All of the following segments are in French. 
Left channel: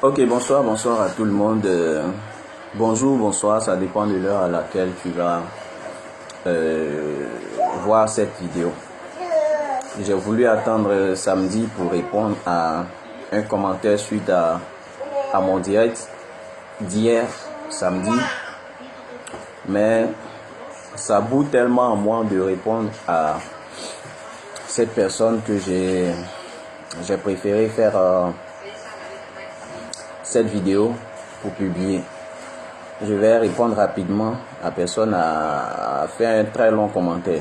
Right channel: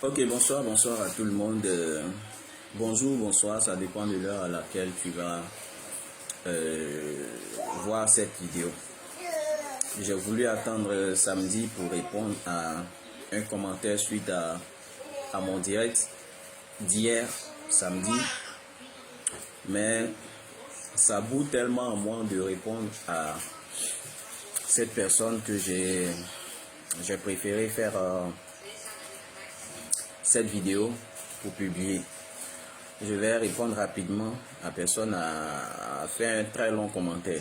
Ok, bonsoir, bonsoir à tout le monde. Bonjour, bonsoir, ça dépend de l'heure à laquelle tu vas voir cette vidéo. J'ai voulu attendre samedi pour répondre à un commentaire suite à mon direct d'hier, samedi. Mais ça bout tellement en moi de répondre à cette personne que j'ai préféré faire cette vidéo pour publier. Je vais répondre rapidement. La personne a fait un très long commentaire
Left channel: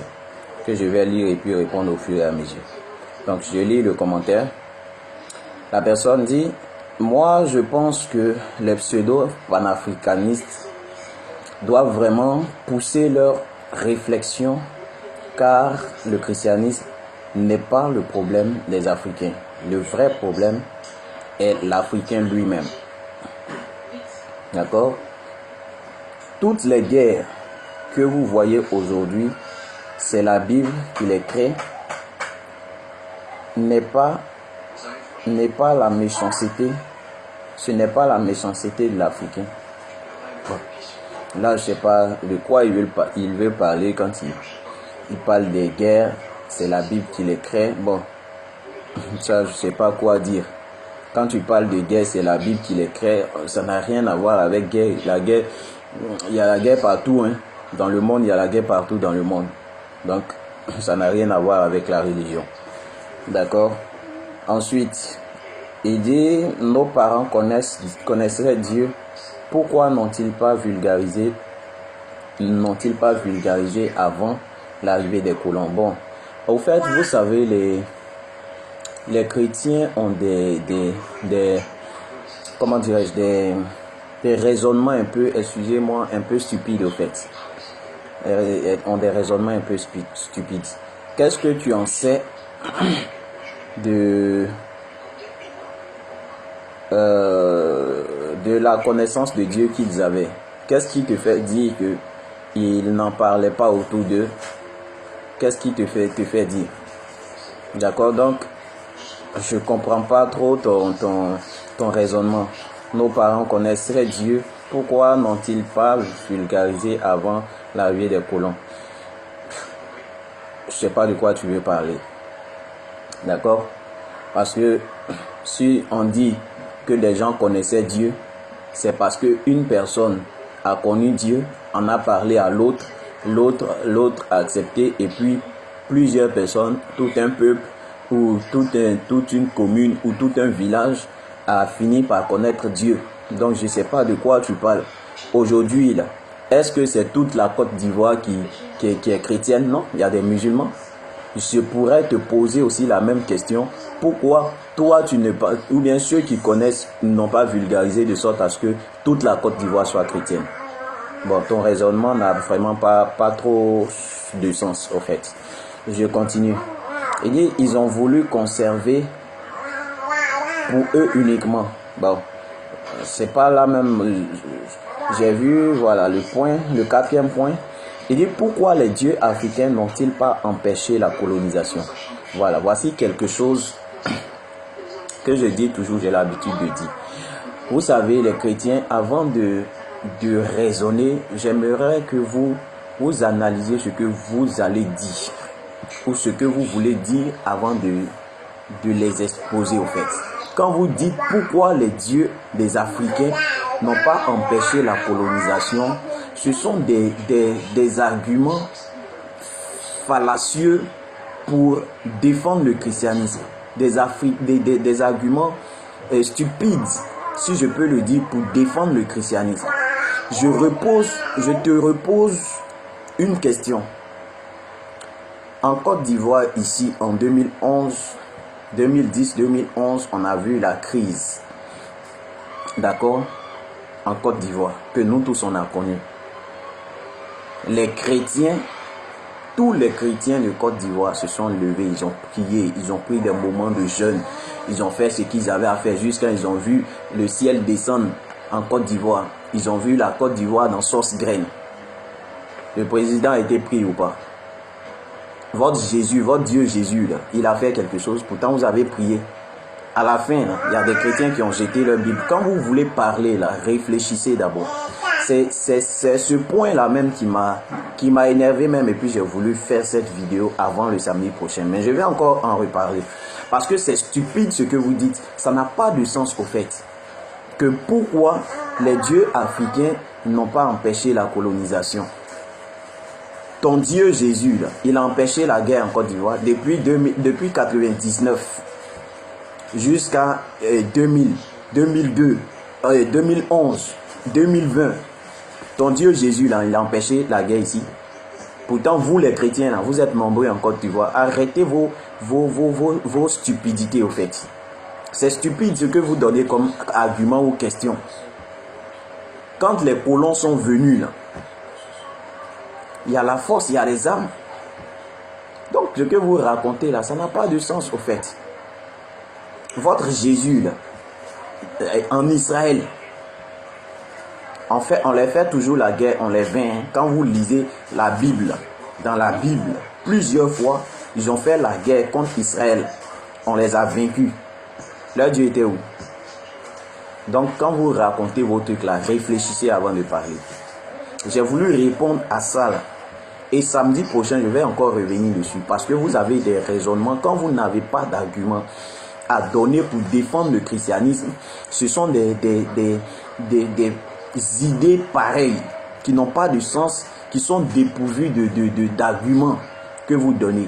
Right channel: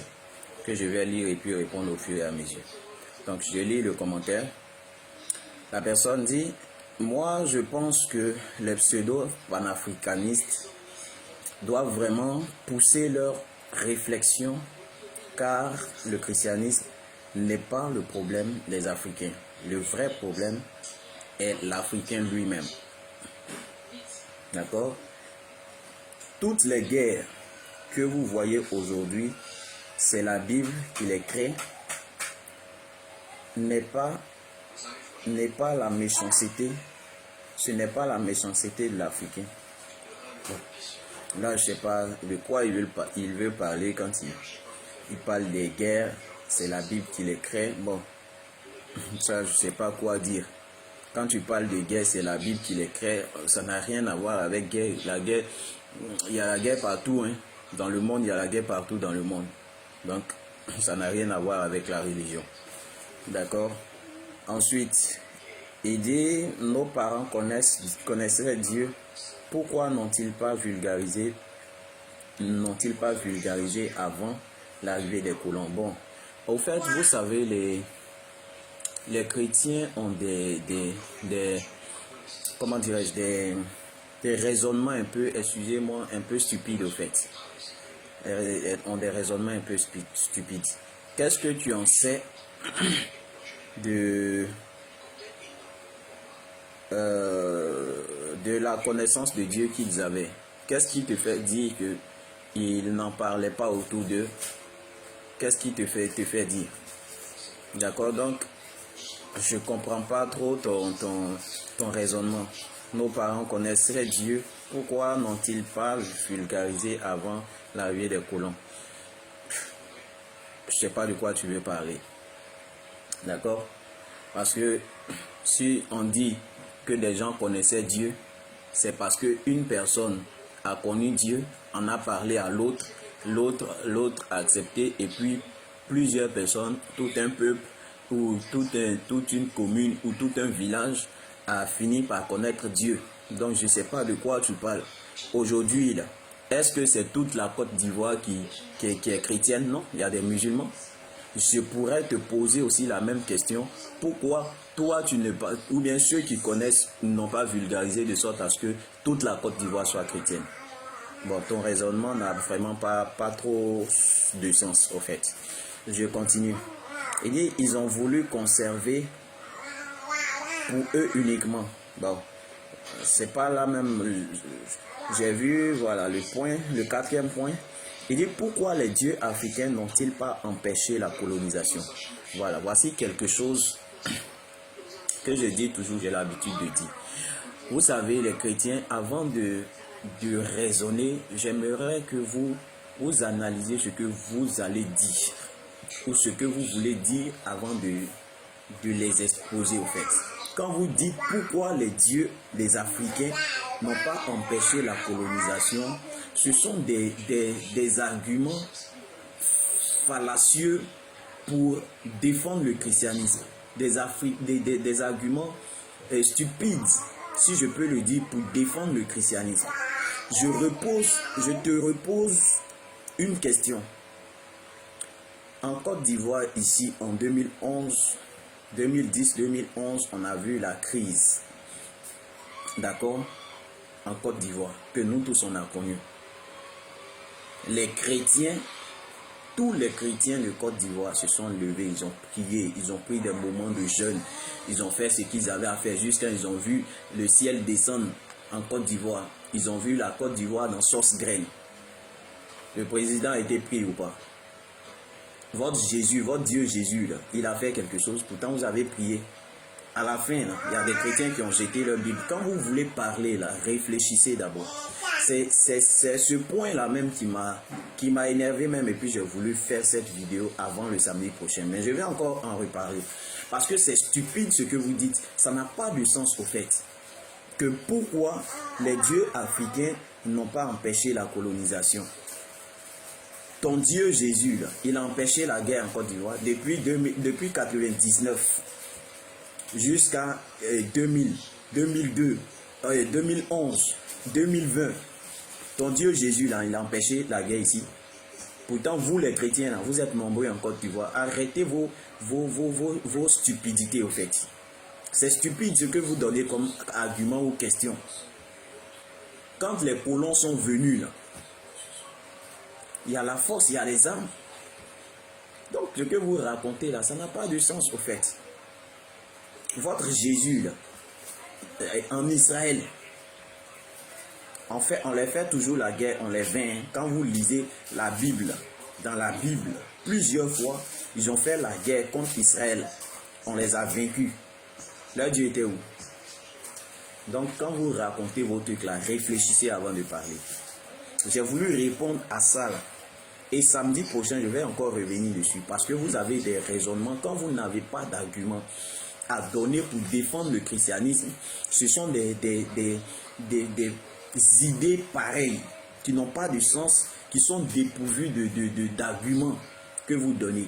que je vais lire et puis répondre au fur et à mesure. Donc je lis le commentaire. La personne dit: moi je pense que les pseudo-panafricanistes doivent vraiment pousser leur réflexion, car le christianisme n'est pas le problème des Africains. Le vrai problème est l'Africain lui-même. D'accord? Toutes les guerres que vous voyez aujourd'hui, c'est la Bible qui les crée. N'est pas la méchanceté. Ce n'est pas la méchanceté de l'Africain. Bon. Là, je ne sais pas de quoi il veut parler quand il parle des guerres. C'est la Bible qui les crée. Bon, ça, je ne sais pas quoi dire. Quand tu parles de guerre, c'est la Bible qui les crée. Ça n'a rien à voir avec guerre. La guerre, il y a la guerre partout. Dans le monde, il y a la guerre partout dans le monde. Donc, ça n'a rien à voir avec la religion. D'accord? Ensuite, il dit: nos parents connaisseraient Dieu. Pourquoi n'ont-ils pas vulgarisé avant l'arrivée des colons? Bon, au fait, vous savez, les chrétiens ont des comment dirais-je, des raisonnements un peu, excusez-moi, un peu stupides au fait. Ont des raisonnements un peu stupides. Qu'est-ce que tu en sais de la connaissance de Dieu qu'ils avaient? Qu'est-ce qui te fait dire qu'ils n'en parlaient pas autour d'eux? Qu'est-ce qui te fait dire? D'accord, donc je comprends pas trop ton raisonnement. Nos parents connaisseraient Dieu. Pourquoi n'ont-ils pas vulgarisé avant l'arrivée des colons? Je sais pas de quoi tu veux parler. D'accord? Parce que si on dit que les gens connaissaient Dieu, c'est parce qu'une personne a connu Dieu, en a parlé à l'autre, l'autre a accepté, et puis plusieurs personnes, tout un peuple ou toute une commune ou tout un village a fini par connaître Dieu. Donc je ne sais pas de quoi tu parles. Aujourd'hui, là, est-ce que c'est toute la Côte d'Ivoire qui est chrétienne? Non, il y a des musulmans. Je pourrais te poser aussi la même question. Pourquoi toi tu ne pas, ou bien ceux qui connaissent n'ont pas vulgarisé de sorte à ce que toute la Côte d'Ivoire soit chrétienne? Bon, ton raisonnement n'a vraiment pas trop de sens au fait. Je continue. Il dit: ils ont voulu conserver pour eux uniquement. Bon, c'est pas la même. J'ai vu, voilà, le quatrième point. Il dit: pourquoi les dieux africains n'ont-ils pas empêché la colonisation? Voilà, voici quelque chose que je dis toujours, j'ai l'habitude de dire. Vous savez, les chrétiens, avant de raisonner, j'aimerais que vous analysiez ce que vous allez dire, ou ce que vous voulez dire avant de les exposer au fait. Quand vous dites pourquoi les dieux des Africains n'ont pas empêché la colonisation, ce sont des arguments fallacieux pour défendre le christianisme. Des arguments stupides, si je peux le dire, pour défendre le christianisme. Je te repose une question. En Côte d'Ivoire, ici, en 2010-2011, on a vu la crise. D'accord? En Côte d'Ivoire, que nous tous on a connu. Les chrétiens, tous les chrétiens de Côte d'Ivoire se sont levés, ils ont prié, ils ont pris des moments de jeûne, ils ont fait ce qu'ils avaient à faire jusqu'à ils ont vu le ciel descendre en Côte d'Ivoire. Ils ont vu la Côte d'Ivoire dans sauce graine. Le président a été pris ou pas? Votre Jésus, votre Dieu Jésus, là, il a fait quelque chose. Pourtant, vous avez prié. À la fin, là, il y a des chrétiens qui ont jeté leur Bible. Quand vous voulez parler, là, réfléchissez d'abord. C'est ce point-là même qui m'a énervé même, et puis j'ai voulu faire cette vidéo avant le samedi prochain. Mais je vais encore en reparler. Parce que c'est stupide ce que vous dites. Ça n'a pas de sens au fait. Que pourquoi les dieux africains n'ont pas empêché la colonisation. Ton Dieu Jésus, là, il a empêché la guerre en Côte d'Ivoire depuis 1999 jusqu'à 2000, 2002, 2011, 2020. Ton Dieu Jésus, là, il a empêché la guerre ici. Pourtant, vous les chrétiens, là, vous êtes nombreux en Côte d'Ivoire. Arrêtez vos stupidités au fait. C'est stupide ce que vous donnez comme argument ou question. Quand les colons sont venus, là, il y a la force, il y a les armes. Donc, ce que vous racontez là, ça n'a pas de sens au fait. Votre Jésus, là, en Israël, en fait, on les fait toujours la guerre, on les vainc. Hein. Quand vous lisez la Bible, dans la Bible, plusieurs fois, ils ont fait la guerre contre Israël. On les a vaincus. Leur Dieu était où? Donc, quand vous racontez vos trucs là, réfléchissez avant de parler. J'ai voulu répondre à ça là. Et samedi prochain, je vais encore revenir dessus. Parce que vous avez des raisonnements. Quand vous n'avez pas d'arguments à donner pour défendre le christianisme, ce sont des idées pareilles qui n'ont pas de sens, qui sont dépourvues d'arguments que vous donnez.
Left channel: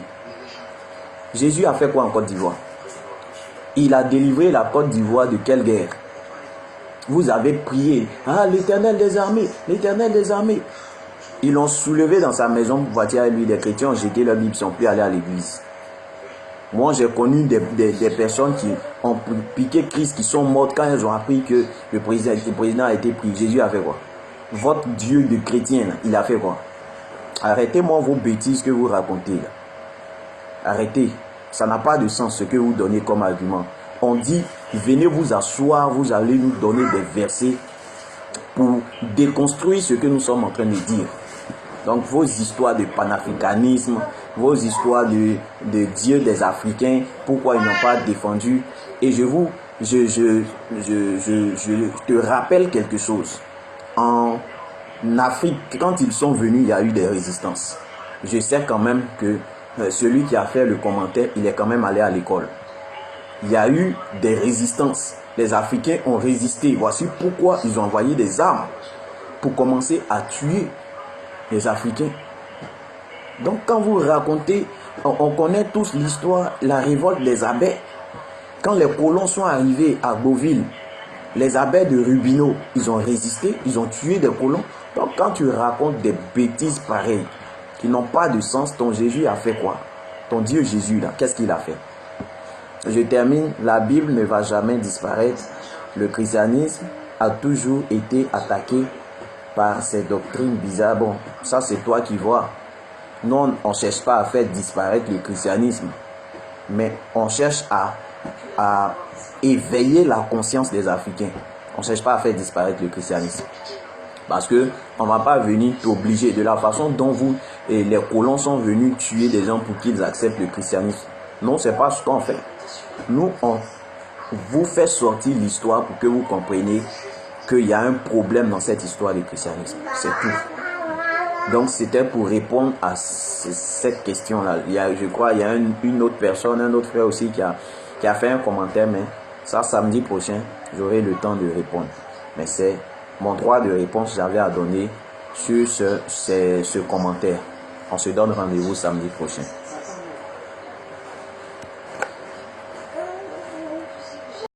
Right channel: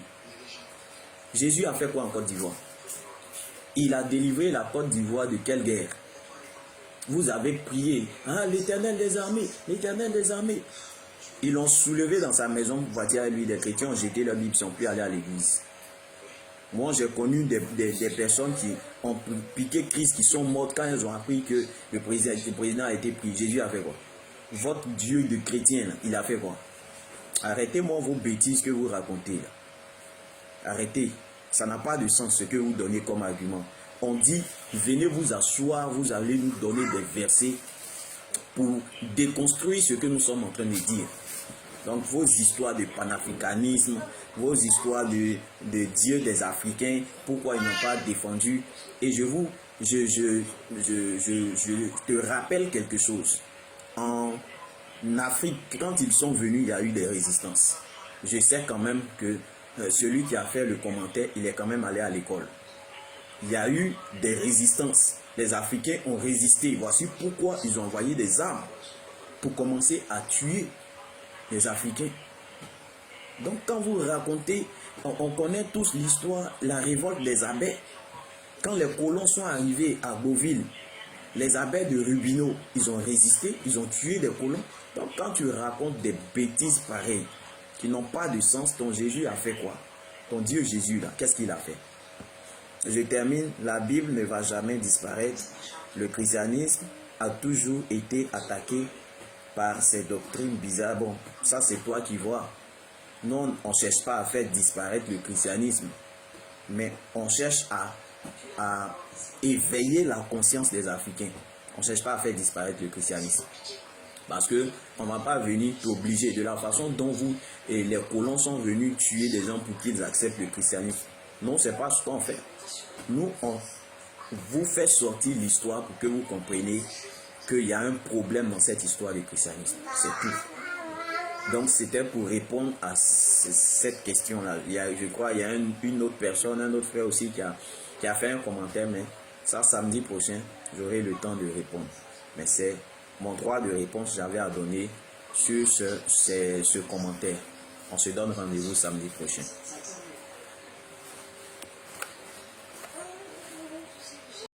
Jésus a fait quoi en Côte d'Ivoire? Il a délivré la Côte d'Ivoire de quelle guerre? Vous avez prié, ah, l'Éternel des armées, l'Éternel des armées. Ils l'ont soulevé dans sa maison pour partir avec lui. Les chrétiens ont jeté leur Bible, ils sont plus allés à l'église. Moi, j'ai connu des personnes qui ont piqué Christ, qui sont mortes quand elles ont appris que le président a été pris. Jésus a fait quoi? Votre Dieu de chrétien, il a fait quoi? Arrêtez-moi vos bêtises que vous racontez. Là. Arrêtez. Ça n'a pas de sens ce que vous donnez comme argument. On dit, venez vous asseoir, vous allez nous donner des versets pour déconstruire ce que nous sommes en train de dire. Donc vos histoires de panafricanisme, vos histoires de Dieu des Africains, pourquoi ils n'ont pas défendu. Et je te rappelle quelque chose. En Afrique, quand ils sont venus, il y a eu des résistances. Je sais quand même que celui qui a fait le commentaire, il est quand même allé à l'école. Il y a eu des résistances. Les Africains ont résisté. Voici pourquoi ils ont envoyé des armes pour commencer à tuer les Africains. Donc quand vous racontez, on connaît tous l'histoire, la révolte des abbés. Quand les colons sont arrivés à Beauville, les abbés de Rubino, ils ont résisté, ils ont tué des colons. Donc quand tu racontes des bêtises pareilles, qui n'ont pas de sens, ton Jésus a fait quoi? Ton Dieu Jésus, là, qu'est-ce qu'il a fait? Je termine, la Bible ne va jamais disparaître. Le christianisme a toujours été attaqué par ces doctrines bizarres. Bon, ça c'est toi qui vois. Non, on ne cherche pas à faire disparaître le christianisme, mais on cherche à éveiller la conscience des Africains. On ne cherche pas à faire disparaître le christianisme. Parce qu'on ne va pas venir t'obliger de la façon dont vous et les colons sont venus tuer des gens pour qu'ils acceptent le christianisme. Non, ce n'est pas ce qu'on fait. Nous, on vous fait sortir l'histoire pour que vous compreniez qu'il y a un problème dans cette histoire du christianisme. C'est tout. Donc, c'était pour répondre à cette question-là. Je crois qu'il y a une autre personne, un autre frère aussi qui a fait un commentaire, mais ça, samedi prochain, j'aurai le temps de répondre. Mais c'est mon droit de réponse que j'avais à donner sur ce commentaire. On se donne rendez-vous samedi prochain.